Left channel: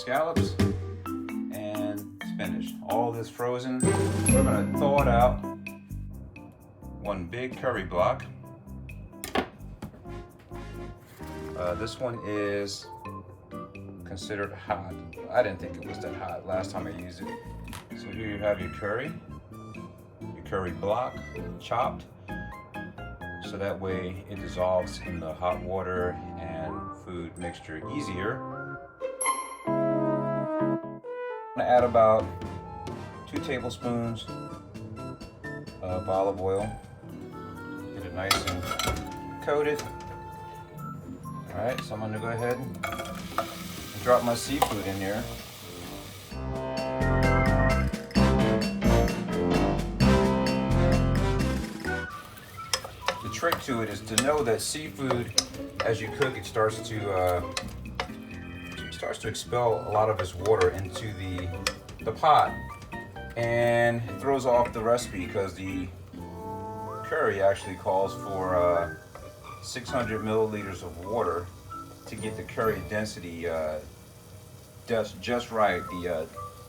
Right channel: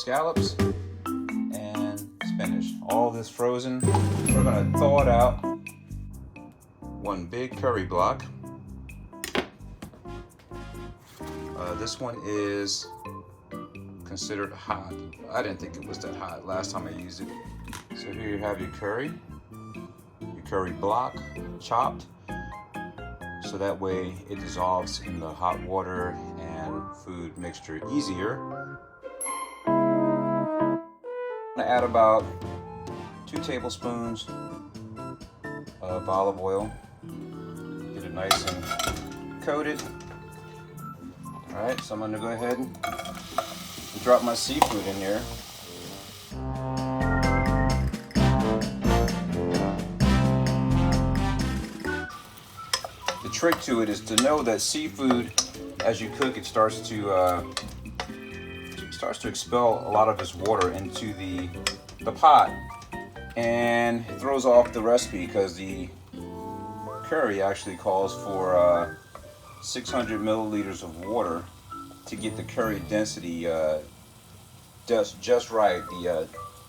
scallops and spinach. All this frozen. We're gonna thaw it out. One big curry block. This one is considered hot. I didn't think it was that hot last time I used it. So here you have your curry block chopped, so that way it dissolves in the hot water and food mixture easier. I'm gonna add about 2 tablespoons of olive oil. Get it nice and coated. Alright, so I'm gonna go ahead and drop my seafood in here. The trick to it is to know that seafood, as you cook, it starts to expel a lot of its water into the pot, and it throws off the recipe because the curry actually calls for 600 milliliters of water to get the curry density just right.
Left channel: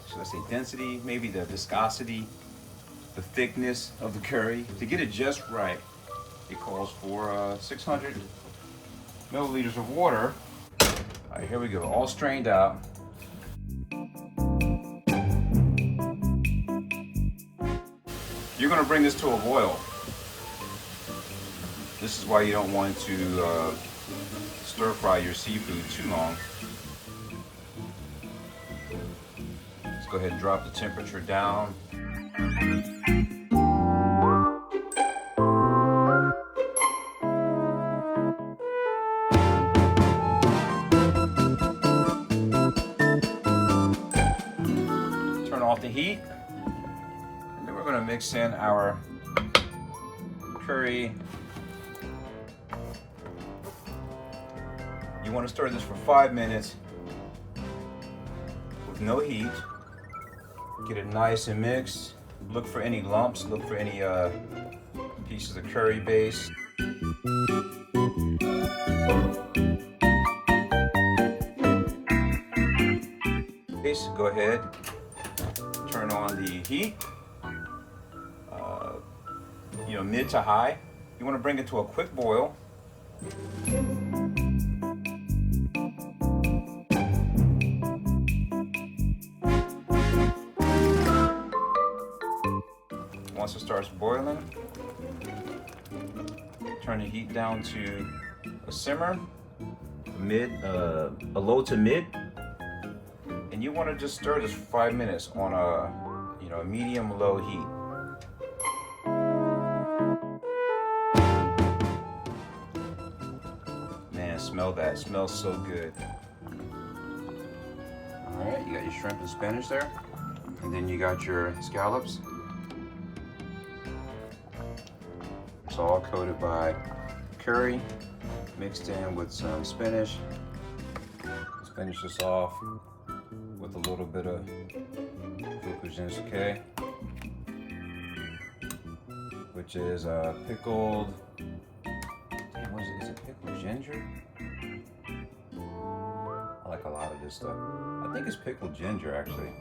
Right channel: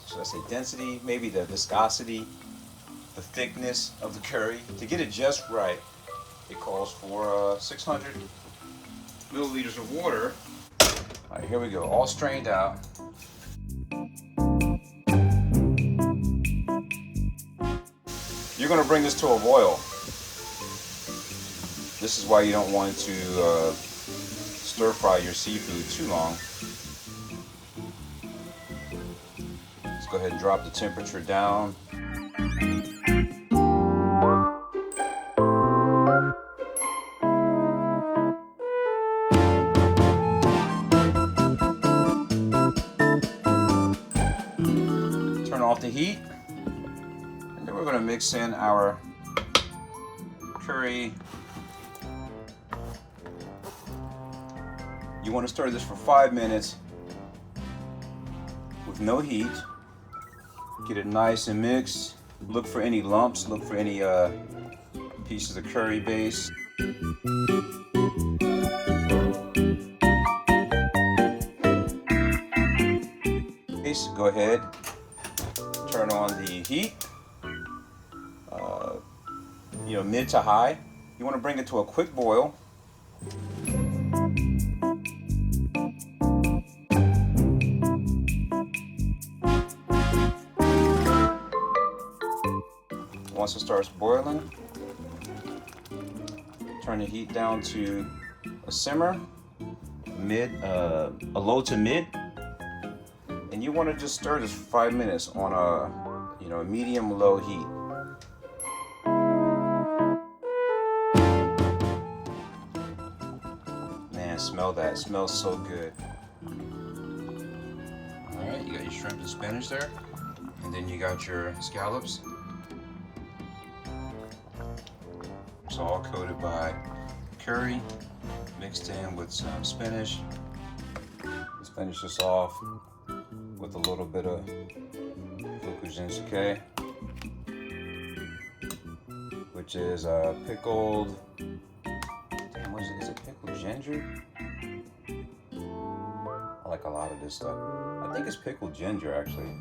Should I say density? Maybe the viscosity, the thickness of the curry. To get it just right, it calls for 600 milliliters of water. All right, here we go, all strained out. You're gonna bring this to a boil. This is why you don't want to stir fry your seafood too long. Let's go ahead and drop the temperature down. Turn off the heat. And then we're going to mix in our curry. You want to stir this for 5 minutes with no heat. Get it nice and mixed. Look for any lumps, look for any pieces of curry base. Go ahead, turn on the heat, mid to high. You want to bring it to a quick boil. Once it starts boiling, turn the heat down to a simmer, a low to mid, and you want to just stir this for 5 minutes on a medium-low heat. Man, smell that! It smells so good. All right, you got your shrimp and spinach there, and then you got your scallops. It's all coated by curry, mixed in with some spinach. Let's finish this off with a little bit of fukujinsuke, which is pickled. Damn, what is it? Is it pickled ginger? I like a lot of this stuff. I think it's pickled ginger actually.